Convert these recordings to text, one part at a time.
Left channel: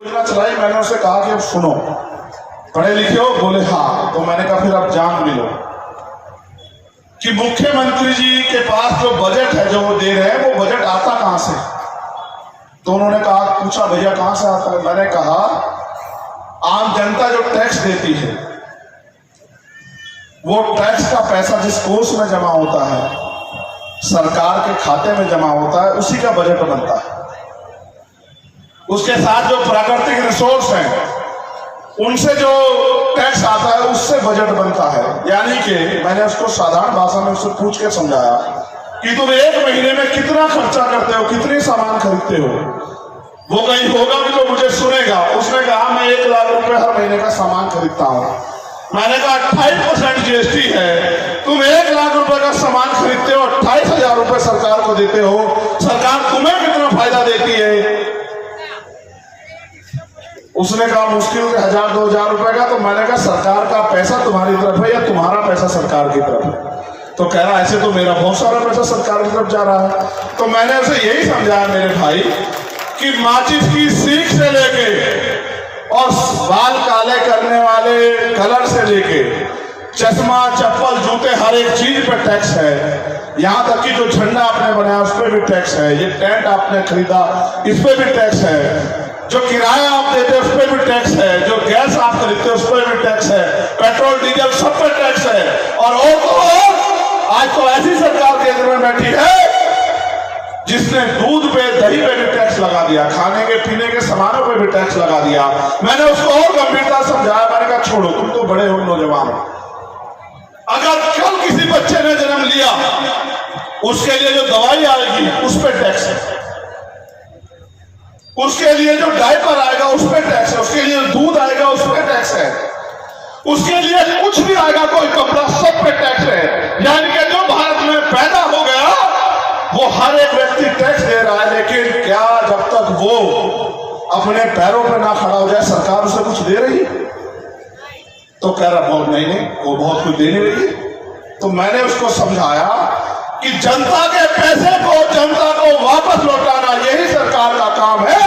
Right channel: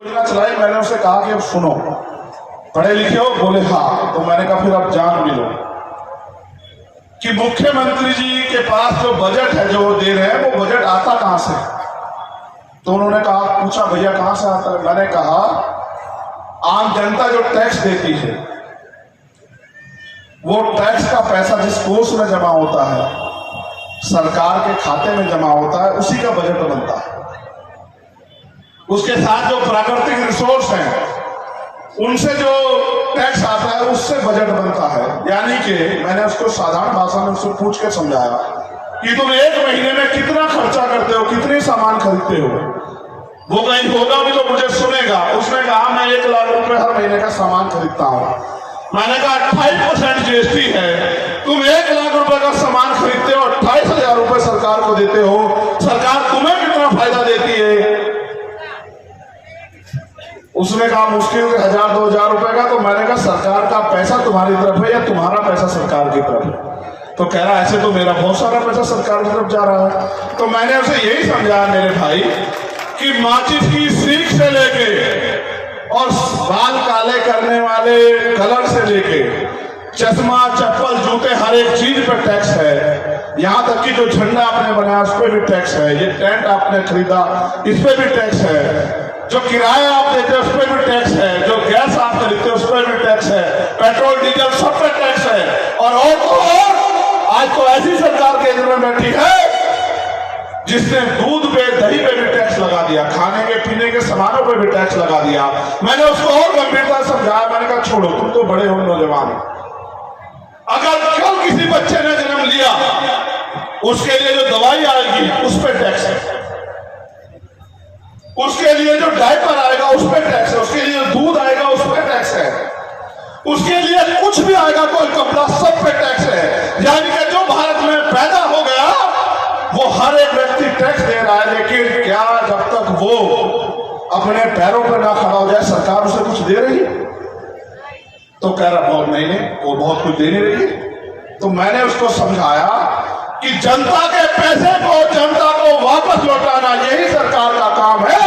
योजना चलाई। मैंने उसे कहा कि अब सुनो, पढ़े लिखे हो? बोले हाँ। तो मैंने कहा फिर अब जान भी लो कि मुख्यमंत्री जी के पास जो बजट है जो वो दे रहे हैं वो बजट आता कहां से। तो उन्होंने कहा, पूछा भैया कहां से आता है? मैंने कहा आम जनता जो टैक्स देती है वो टैक्स का पैसा जिस कोष में जमा होता है, सरकार के खाते में जमा होता है, उसी का बजट बनता है। उसके साथ जो प्राकृतिक रिसोर्स हैं उनसे जो टैक्स आता है उससे बजट बनता है। यानी कि मैंने उसको साधारण भाषा में उससे पूछ के समझाया कि तुम एक महीने में कितना खर्चा करते हो, कितने सामान खरीदते हो। वो कहीं होगा भी तो मुझे सुनेगा। उसने कहा मैं 1 लाख रुपए हर महीने का सामान खरीदता हूं। मैंने कहा 28% जीएसटी है, तुम 1 लाख रुपए का सामान खरीदते हो, 28,000 रुपए सरकार को देते हो, सरकार तुम्हें कितना फायदा देती है? उसने कहा मुश्किल 1,000-2,000 रुपए का। तो मैंने कहा सरकार का पैसा तुम्हारी तरफ है या तुम्हारा पैसा सरकार की तरफ है? तो कह रहा ऐसे तो मेरा बहुत सारा पैसा सरकार की तरफ जा रहा है। तो मैंने उसे यही समझाया मेरे भाई कि माचिस की सीख से लेके और बाल काले करने वाले कलर से लेके चश्मा, चप्पल, जूते, हर एक चीज पे टैक्स है। यहाँ तक कि जो झंडा आपने बनाया उस पर भी टैक्स है, ये टेंट आपने खरीदा इस पे भी टैक्स है, जो किराया आप देते हैं उस पर भी टैक्स है, जो गैस आप खरीदते हैं उस पर भी टैक्स है, पेट्रोल डीजल सब पे टैक्स है। और आज तो ऐसी सरकार केंद्र में बैठी है जिसने दूध पे, दही पे भी टैक्स लगा दिया, खाने के पीने के सामानों पे भी टैक्स लगा दिया। मैंने उसको और गंभीरता समझाया। मैंने कहा छोड़ो, तुम तो बड़े हो नौजवान हो, अगर कल किसी बच्चे ने जन्म लिया उसके लिए जो दवाई आएगी उस पर टैक्स है, उसके लिए जो डायपर आएगा उस पर टैक्स है, उसके लिए दूध आएगा उस पर टैक्स है, उसके लिए कुछ भी आएगा, कोई कपड़ा, सब पे टैक्स है। यानी कि जो भारत में पैदा हो गया वो हर एक व्यक्ति टैक्स दे रहा है। लेकिन क्या जब तक वो अपने पैरों पर ना खड़ा हो जाए सरकार उसे कुछ दे रही? तो कह रहा बहुत नहीं, वो बहुत कुछ दे नहीं रही। तो मैंने उसको समझाया कि जनता के पैसे को जनता को वापस लौटाना यही सरकार का काम है।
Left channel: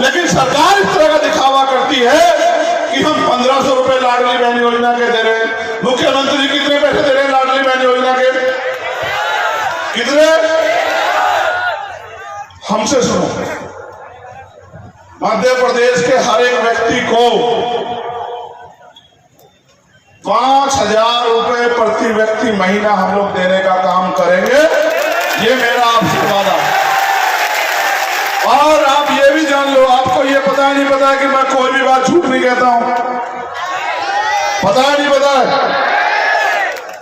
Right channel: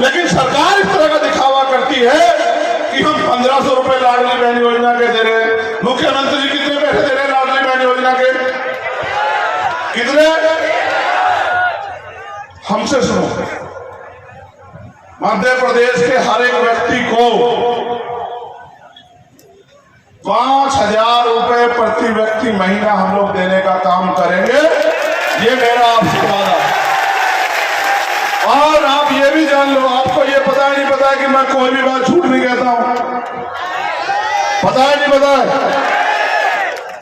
लेकिन सरकार इस तरह का दिखावा करती है कि हम 1,500 रुपए लाडली बहन योजना के दे रहे हैं। मुख्यमंत्री जी कितने पैसे दे रहे हैं लाडली बहन योजना के? कितने? हमसे सुनो, मध्य प्रदेश के हर एक व्यक्ति को 5,000 रुपए प्रति व्यक्ति महीना हम लोग देने का काम करेंगे, ये मेरा आपसे वादा। और आप ये भी जान लो, आपको ये पता नहीं पता है कि मैं कोई भी बात झूठ नहीं कहता हूं, पता है नहीं पता है?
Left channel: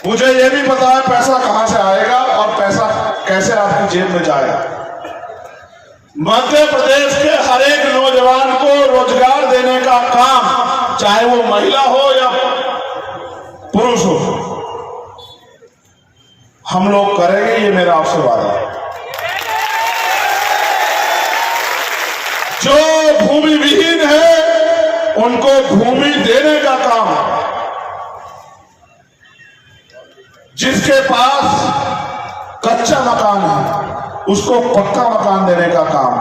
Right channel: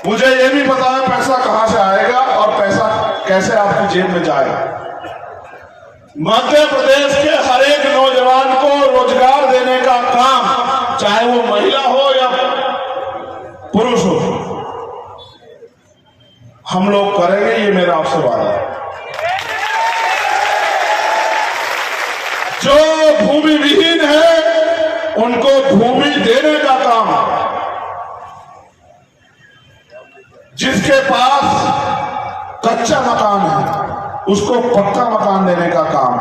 मुझे ये भी पता है पैसा कहां से आएगा और पैसा कैसे आपकी जेब में जाएगा। मध्य प्रदेश के हर एक नौजवान को रोजगार देने का काम, चाहे वो महिला हो या पुरुष हो, हम लोग करेंगे, ये मेरा आपसे वादा है। जो भूमि विहीन है उनको भूमि देने का काम, जिसके पास कच्चा मकान है उसको पक्का मकान देने का काम,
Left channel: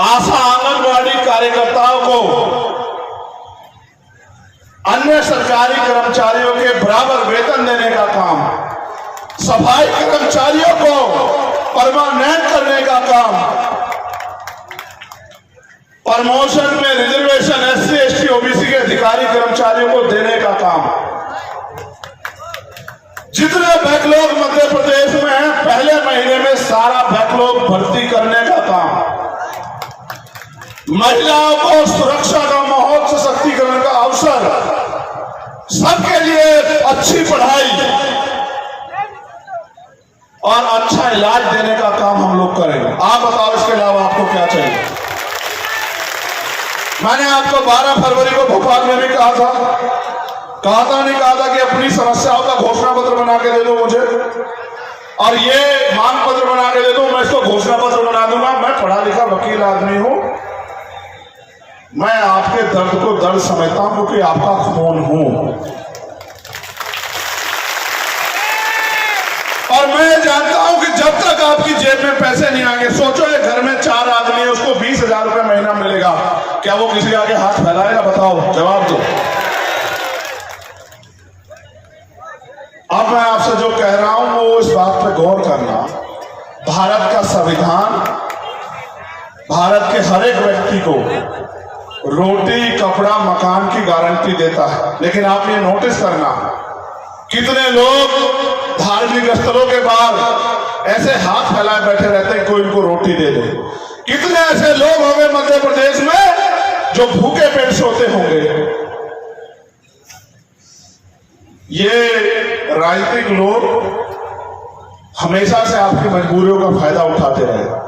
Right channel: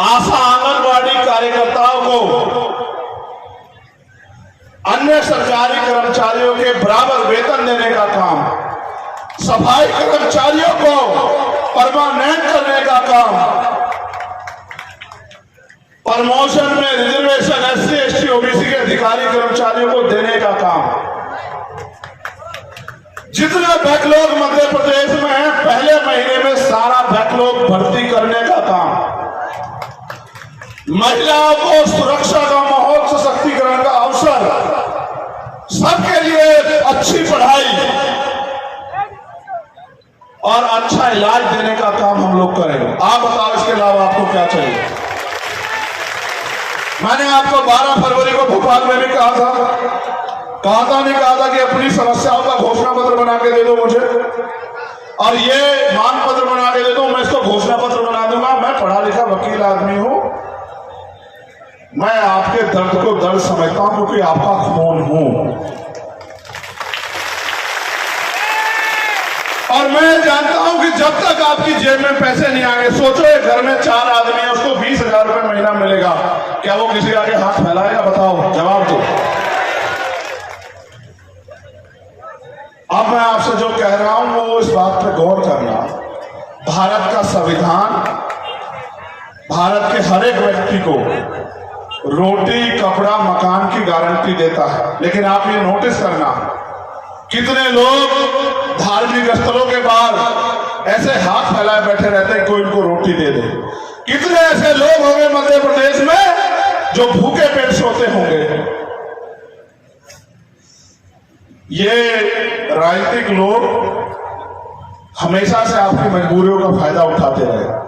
आशा आंगनबाड़ी कार्यकर्ताओं को अन्य सरकारी कर्मचारियों के बराबर वेतन देने का काम, सफाई कर्मचारियों को परमानेंट करने का काम, प्रमोशन में रिजर्वेशन एससी, एसटी, ओबीसी के अधिकारी कर्मचारियों को देने का काम, जितने बैकलॉग मध्य प्रदेश में है पहले महीने में सारा बैकलॉग भर्ती करने का काम, महिलाओं को सुरक्षा का माहौल, सशक्तिकरण का अवसर, सबके लिए अच्छी पढ़ाई और अच्छा इलाज देने का काम हम लोग करेंगे। आप बताओ इसके अलावा आपको क्या चाहिए? मैंने आपको 12 फरवरी को भोपाल में भी कहा था नहीं कहा था कि अपनी समस्याओं का घोषणा पत्र बना के दे दो मुझे, और ये मांग पत्र बना के दे दो, मैं इसको घोषणा पत्र बना दूंगा। मैं पढ़ा लिखा वकील आदमी हूं, मैं आपके दर्द को दर्द समझता हूं क्योंकि आपका खून हूं, और मैं जानता हूं कि जब तक आपकी जेब में पैसे नहीं आएंगे, सोचो एक घर में 4 आदमी है, उसको 20,000 मिलेगा, क्या वो किसी आगे हाथ फैलाएगा? बताओ, जवाब दो। अब मैं आपसे जो कह रहा हूं वो इस बात पर गौर करना, भारत का संविधान भारत के हर एक व्यक्ति को रोटी, कपड़ा, मकान की गारंटी देता है, लेकिन आपने नोटिस करना कितने लोग धार्मिक स्थलों के बाहर ऐसे हाथ फैलाए बैठे रहते हैं कोई इनको रोटी दे दे। कितने ऐसे लोग होंगे मध्य प्रदेश में जो भूखे पेट सोते होंगे। ये राजनीतिक लोग हमेशा से आपकी मजबूरियों का फायदा उठाते रहे।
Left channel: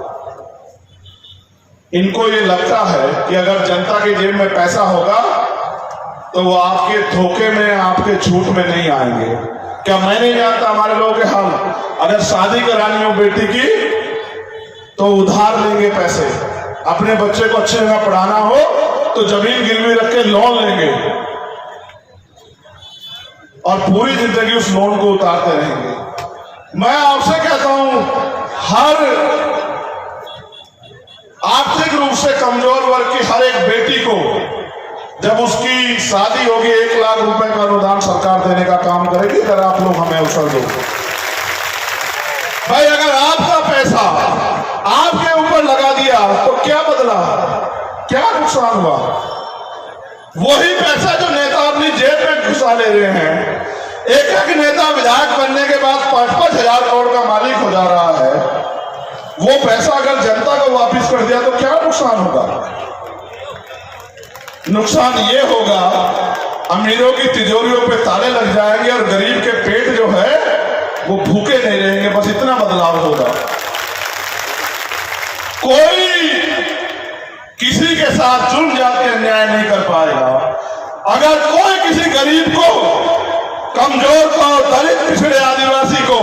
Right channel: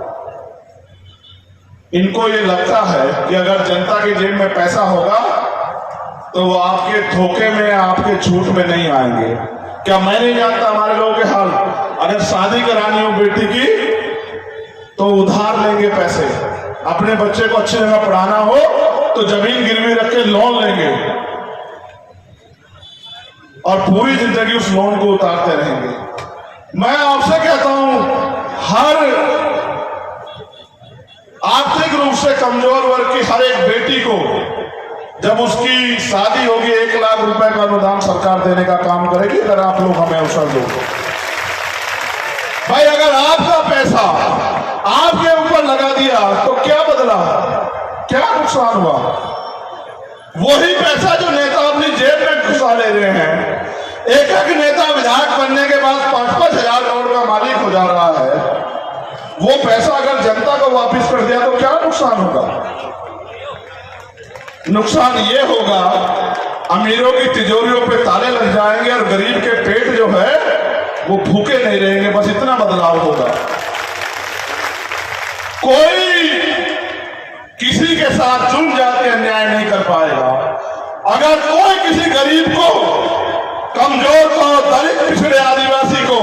इनको ये लगता है कि अगर जनता की जेब में पैसा होगा तो वो आपके धोखे में, आपके झूठ में नहीं आएंगे। क्या मैं नहीं जानता हमारे लोगों के हाल? अगर शादी करानी हो बेटी की तो उधार लेंगे पैसे, अपने बच्चे को अच्छी जगह पढ़ाना हो तो जमीन गिरवी रख के लोन लेंगे और पूरी जिंदगी उस लोन को उतारते रहेंगे। मैं आपसे कहता हूं, हर आर्थिक रूप से कमजोर वर्ग की हर एक बेटी को जब उसकी शादी होगी 1 लाख रुपए का अनुदान सरकार देने का काम करेगी। अगर आप लोग हमें अवसर दो भाई, अगर आपका पैसा आपके ऊपर लगा दिया तो क्या बदला, क्या नुकसान हुआ? वही पैसा जो नेता अपनी जेब में घुसा ले रहे हैं, एक नेता विधायक बनने के बाद 5-5 हजार करोड़ का मालिक हो जा रहा है, वो पैसा अगर जनता को वापस कर दिया तो क्या नुकसान होगा? नुकसान ये होगा, अमीरों की तिजोरियों पे ताले लग जाएंगे और गरीब के पेट जो है वो भूखे नहीं रहेंगे। बस इतना बदलाव होगा। कोई किसी के साथ जुड़ जाके अन्याय नहीं कर पाएगा। अगर कोई किसी गरीब को, कमजोर को, दलित, पिछड़े, आदिवासी को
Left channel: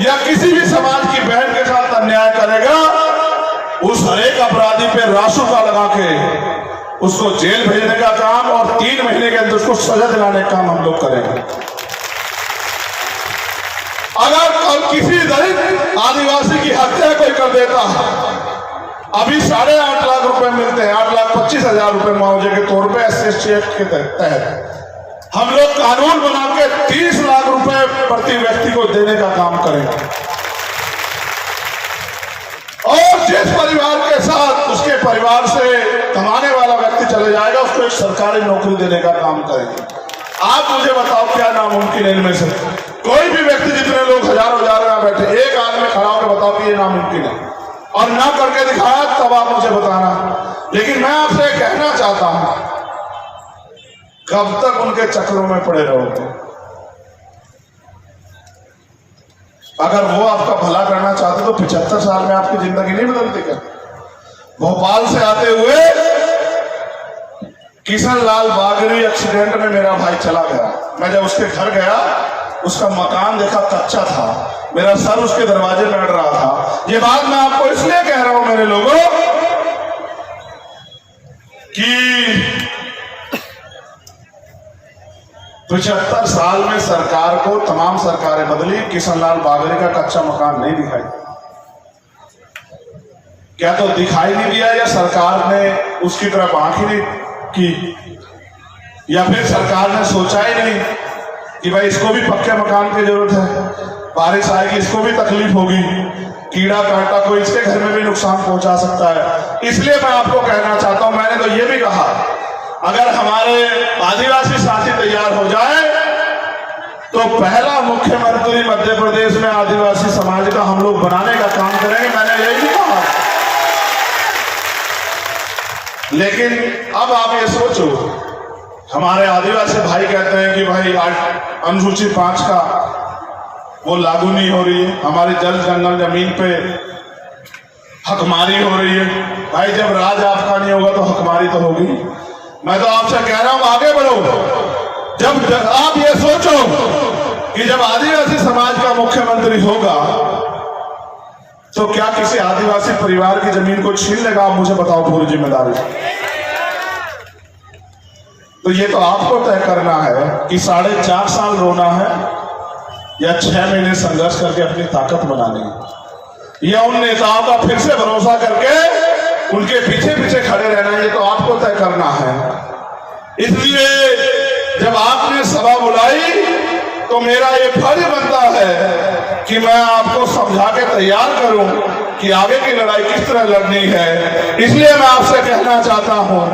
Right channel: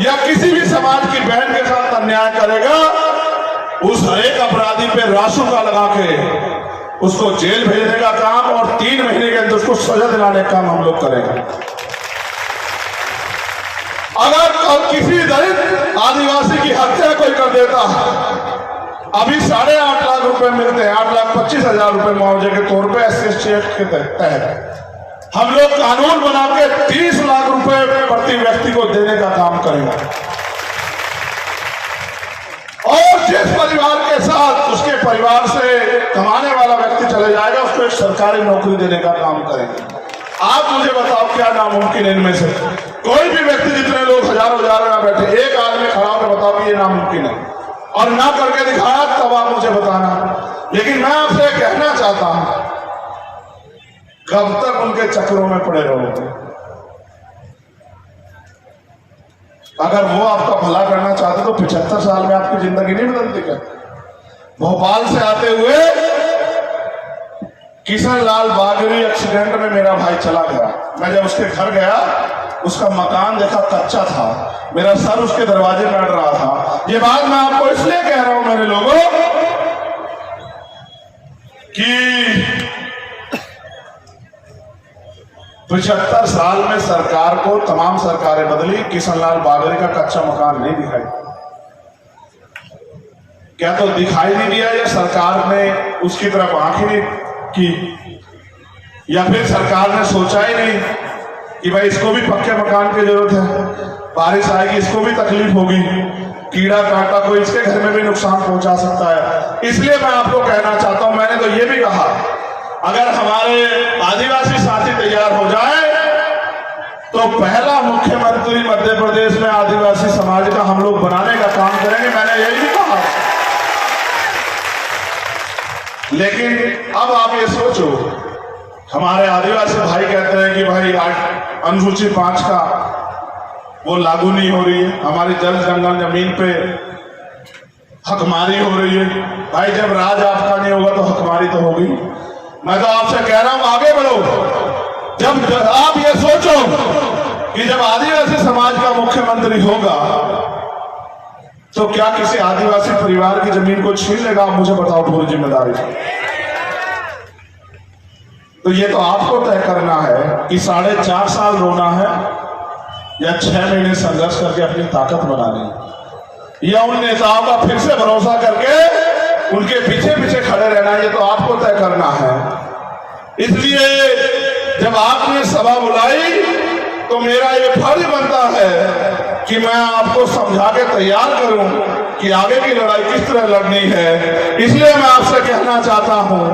या किसी भी समाज की बहन के साथ अन्याय करेगा, उस हरेक अपराधी पे रासुका लगा के उसको जेल भेजने का काम और 3 महीने के अंदर उसको सजा दिलाने का काम हम लोग करेंगे। अगर किसी दलित, आदिवासी की हत्या कोई कर देता, अभी 8.5 लाख रुपए मिलते हैं, 8,25,000 रुपए मुआवजे के तौर पे SC एक्ट के तहत हम लोग कानून बना के 30 लाख रुपए प्रति व्यक्ति को देने का काम करेंगे। और जिस परिवार के साथ उसके परिवार से कमाने वाला व्यक्ति चले जाएगा उसको एक सरकारी नौकरी देने का काम करेंगे। आप मुझे बताओ क्या नामुमकिन है इनमें से? कोई भी व्यक्ति, जितने लोग हजारों हजार यहाँ बैठे, एक आदमी खड़ा होकर बताओ कि ये नामुमकिन है, और ना करके दिखाया तब आप मुझे बताना। लेकिन मैं आपसे कहना चाहता हूं, कब तक उनके चक्रों में पड़े रहोगे? अगर वो आपका भला करना चाहते तो 75 साल में आपकी जिंदगी नहीं बदलती क्या? भोपाल से आते हुए किशन लाल बागरी एक्सीडेंट में मेरा भाई चला गया। मैं जब उसके घर गया, उसका मकान देखा, कच्चा था, मेरा सर उसके दरवाजे में अड़ रहा था। ये बात मैं आपको इसलिए कह रहा हूं मेरे लोगों कि 75 साल में सरकार को तमाम सरकारें बदली, किशन लाल बागरी का कच्चा मकान नहीं दिखाई। क्या तो दिखाई नहीं दिया, या सरकार ने उसकी तरफ आंख ही नहीं की, या फिर सरकार ने सोचा ही नहीं कि भाई इसको भी पक्के मकान की जरूरत है, बारिश आएगी इसको भी तकलीफ होगी, कीड़ा कांटा कोई इसके घर में भी नुकसान पहुंचा सकता है। इसलिए मैं आपको कहना चाहता हूं, मैंने तो ये भी कहा, अगर हमारे आदिवासी साथी तैयार हो जाए तो पहला मुख्यमंत्री मध्य प्रदेश में आदिवासी समाज का हम लोग बनाने का काम करेंगे। मैंने यही भी कहा। लेकिन अब आप ये सोचो, हमारे आदिवासी भाई कहते हैं कि भाई आज अनुसूची 5 का वो लागू नहीं हो रही है, हमारी जल जंगल जमीन पे हकमारी हो रही है। भाई जब राज आपका नहीं होगा तो हकमारी तो होगी। मैं तो आपसे कह रहा हूं आगे बढ़ो। जब आप ये सोचो कि जब आदिवासी समाज का मुख्यमंत्री होगा तो क्या किसी आदिवासी परिवार की जमीन को छीन लेगा? आप मुझे बताओ पूरी जिम्मेदारी। तो ये तो आपको तय करना है कि 4.5 साल रोना है या 6 महीने संघर्ष करके अपनी ताकत बनानी है। या उन नेताओं का फिर से भरोसा करके उनके पीछे पीछे खड़े रहना है, ये तो आपको तय करना है। इसलिए जब आपने सभा बुलाई तो मेरा ये फर्ज बनता है कि मैं आपको समझा के तैयार करूं कि आगे की लड़ाई किस तरह लड़नी है। इसलिए मैं आपसे कहना चाहता हूं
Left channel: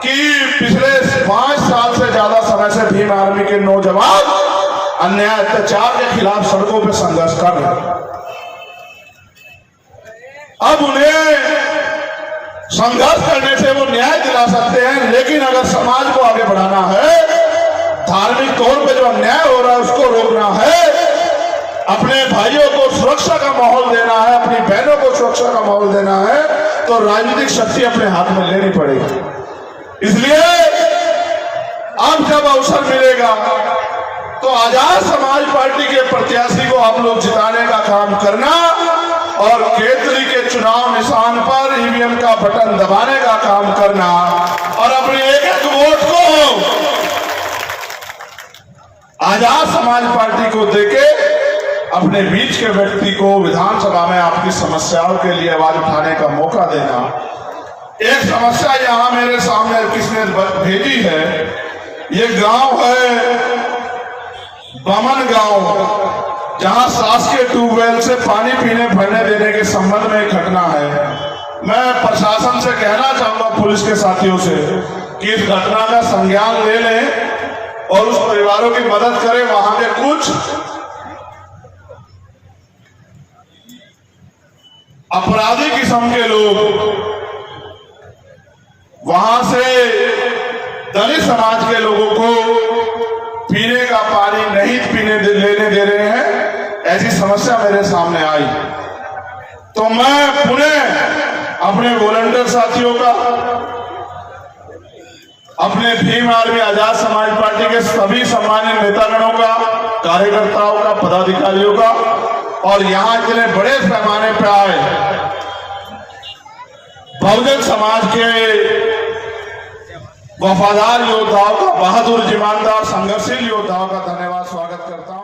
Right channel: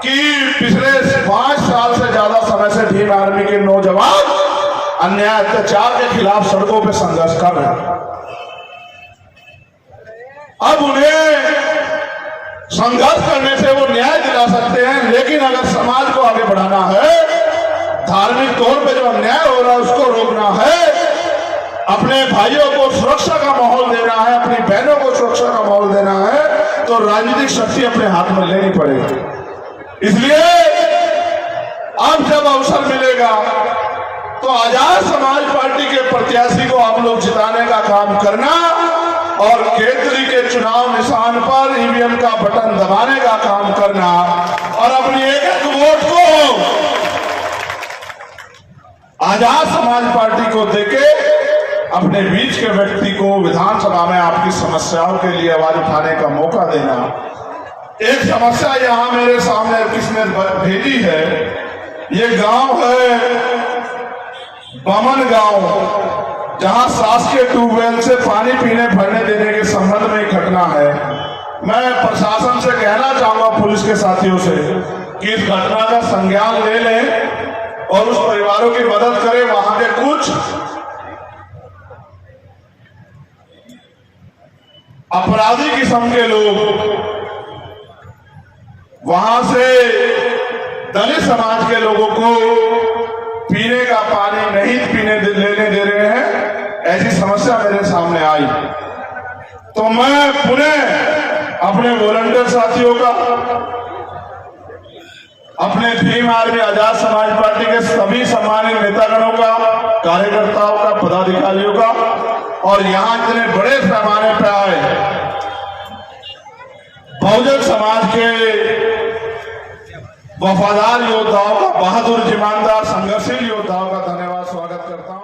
कि पिछले 5 साल से ज्यादा समय से भीम आर्मी के नौजवान अन्याय अत्याचार के खिलाफ सड़कों पर संघर्ष कर रहे हैं। अब उन्हें संघर्ष करने से वो न्याय दिला सकते हैं, लेकिन अगर समाज को आगे बढ़ाना है, धार्मिक तौर पे जो अन्याय हो रहा है उसको रोकना है, अपने भाइयों को सुरक्षा का माहौल देना है, अपनी बहनों को सुरक्षा का माहौल देना है, तो राजनीतिक शक्ति अपने हाथ में लेनी पड़ेगी। इसलिए अब जब अवसर मिलेगा तो आजाद समाज पार्टी के प्रत्याशी को आप लोग जिताने का काम करना और केतली के चुनाव निशान पर ईवीएम का बटन दबाने का काम करना और अपने एक एक वोट को आजाद समाज पार्टी को देके अपने बीच के व्यक्ति को विधानसभा में आपकी समस्याओं के लिए आवाज उठाने का मौका देना। एक समस्या यहां मेरे सामने किसने भेजी है, ये गांव है बमन गांव, जहां शासकीय ट्यूबवेल से पानी पीने भरने देने के संबंध में एक घटना है। मैं प्रशासन से कहना चाहूंगा, पुलिस के साथियों से, कि इस घटना का संज्ञान ले लें और उस परिवारों की मदद करें। वहां के कुछ अपराधी किस्म के लोग वहां से दलित समाज के लोगों को पीने का पानी नहीं लेने दे रहे हैं, ऐसी समस्या मेरे सामने आई। तो मैं पुनः अपने वॉलंटियर साथियों का, अपने भीम आर्मी आजाद समाज पार्टी के सभी सम्मानित नेतागणों का, कार्यकर्ताओं का, पदाधिकारियों का और यहां इतने बड़े पैमाने पर आए बहुजन समाज के वफादार योद्धाओं का, बहादुर ईमानदार संघर्षशील योद्धाओं का धन्यवाद स्वागत करता हूं।